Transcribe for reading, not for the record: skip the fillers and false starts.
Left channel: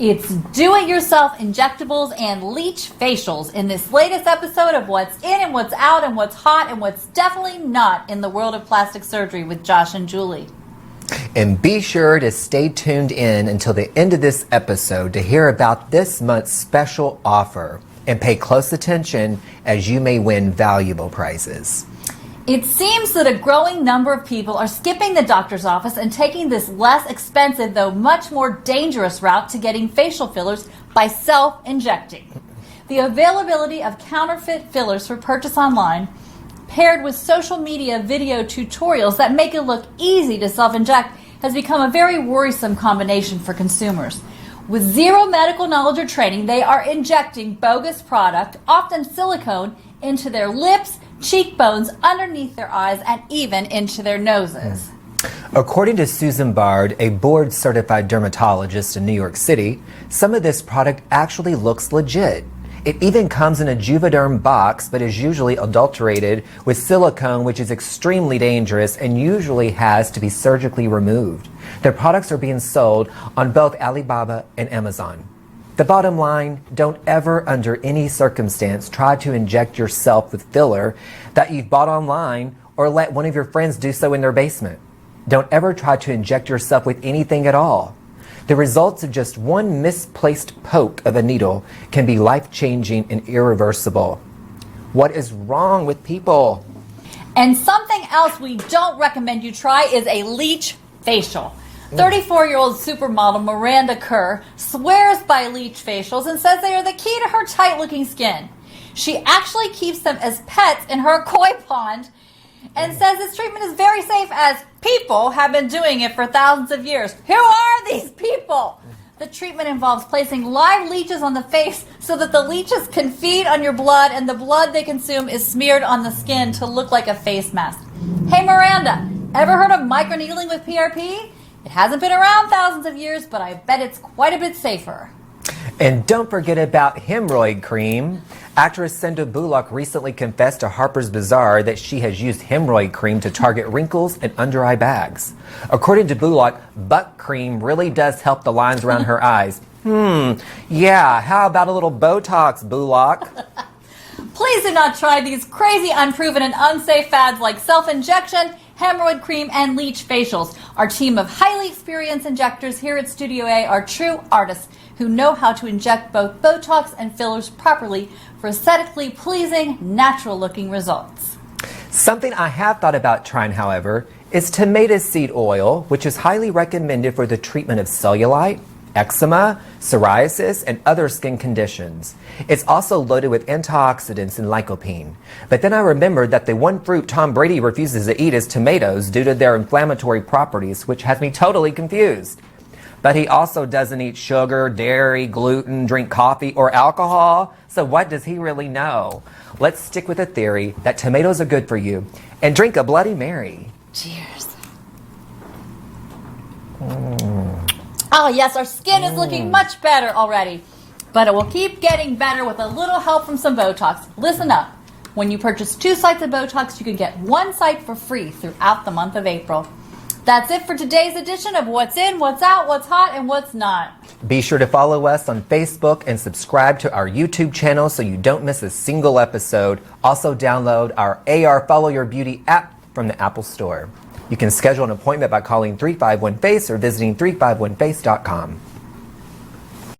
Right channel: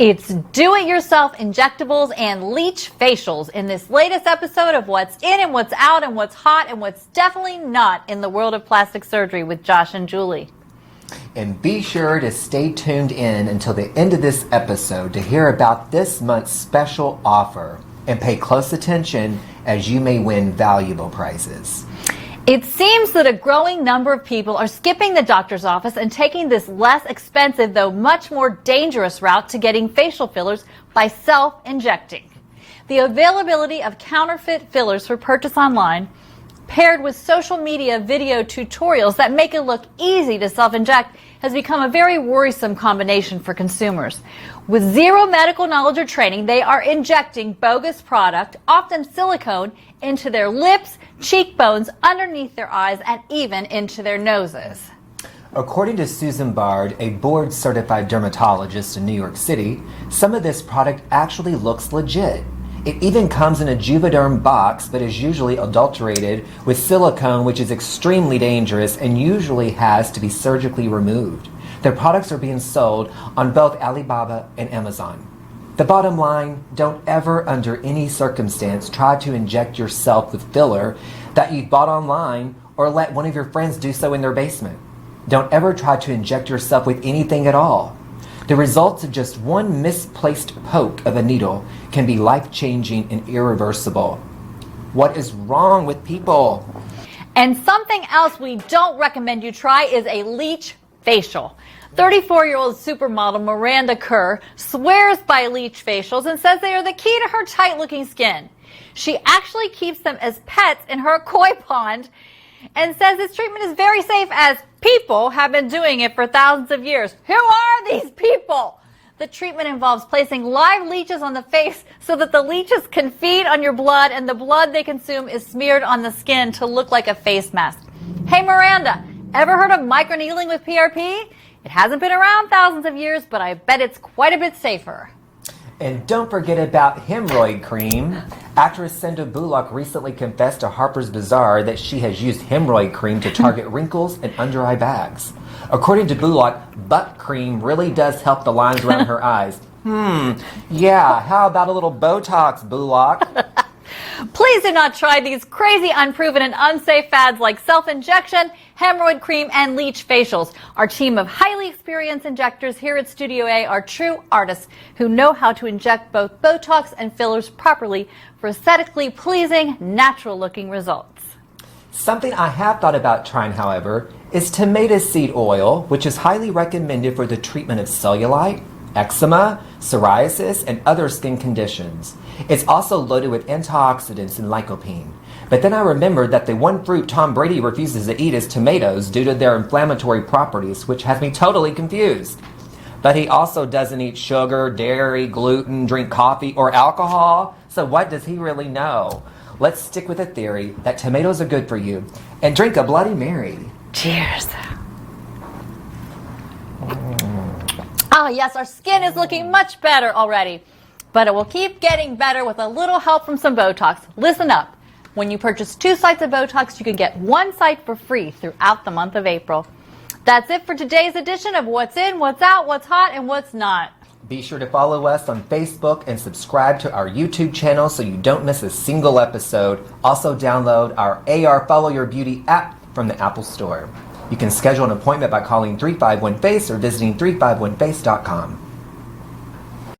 It's do-it-yourself injectables and leech facials in this latest episode of What's In and What's Out and What's Hot and What's Definitely Not in the World of Plastic Surgery with Josh and Julie. And be sure to stay tuned in until the end of this episode to hear about this month's special offer. And pay close attention as you may win valuable prizes. It seems that a growing number of people are skipping the doctor's office and taking this less expensive, though much more dangerous route to getting facial fillers by self-injecting. The availability of counterfeit fillers for purchase online, paired with social media video tutorials that make it look easy to self-inject, has become a very worrisome combination for consumers. With zero medical knowledge or training, they are injecting bogus product, often silicone, into their lips, cheekbones, underneath their eyes, and even into their noses. According to Susan Bard, a board-certified dermatologist in New York City, some of this product actually looks legit. It even comes in a Juvederm box, but is usually adulterated with silicone, which is extremely dangerous and usually has to be surgically removed. Their products are being sold on both Alibaba and Amazon. The bottom line, don't ever, under any circumstance, try to inject yourself with filler that you've bought online or let one of your friends do so in their basement. Don't ever try to inject yourself with anything at all. The results of just one misplaced poke of a needle can be life-changing and irreversible. What is wrong with people? And something else we don't recommend you try is a leech facial. 34-year-old supermodel Miranda Kerr swears by leech facials and says they are the key to her tight-looking skin. She actually keeps them as pets in her koi pond and says this treatment is very safe as people have been doing it for thousands of years. Who are these people? The treatment involves placing live leeches on the face so that the leeches can feed on your blood and the blood they consume is smeared on the skin to look like a face mask. Hey Miranda, ever heard of microneedling with PRP? It hasn't been around thousands of years, but I bet it's quite a bit safer. And don't forget about hemorrhoid cream. Actress Sandra Bullock recently confessed to Harper's Bazaar that she has used hemorrhoid cream to target wrinkles and under-eye bags. According to Bullock, butt cream really does help the lines around her eyes. Yeah, how about a little Botox, Bullock? Please do not try these crazy, unproven, and unsafe fads like self-injection, hemorrhoid cream, and leech facials. Our team of highly experienced injectors here at Studio A are true artists who know how to inject both Botox and fillers properly for aesthetically pleasing, natural-looking results. Something I have thought about trying, however, is tomato seed oil, which is highly recommended for the treatment of cellulite, eczema, psoriasis, and other skin conditions. It's also loaded with antioxidants and lycopene. But then I remembered that the one fruit Tom Brady refuses to eat is tomatoes due to their inflammatory properties, which has me totally confused. But he also doesn't eat sugar, dairy, gluten, drink coffee, or alcohol. So what does he really know? Let's stick with the theory that tomatoes are good for you and drink a Bloody Mary. Cheers. Oh yes, our skin is looking much better already, but it will keep getting better with a little help from some Botox. Listen up. When you purchase 2 sites of Botox, you can get 1 site for free throughout the month of April. That's it for today's edition of What's In, What's Out, What's Hot, and What's Not. Be sure to follow us on Facebook and subscribe to our YouTube channel so you don't miss a single episode. Also download our AR Follow Your Beauty app from the Apple Store. You can schedule an appointment by calling 351-FACE or visiting 351face.com.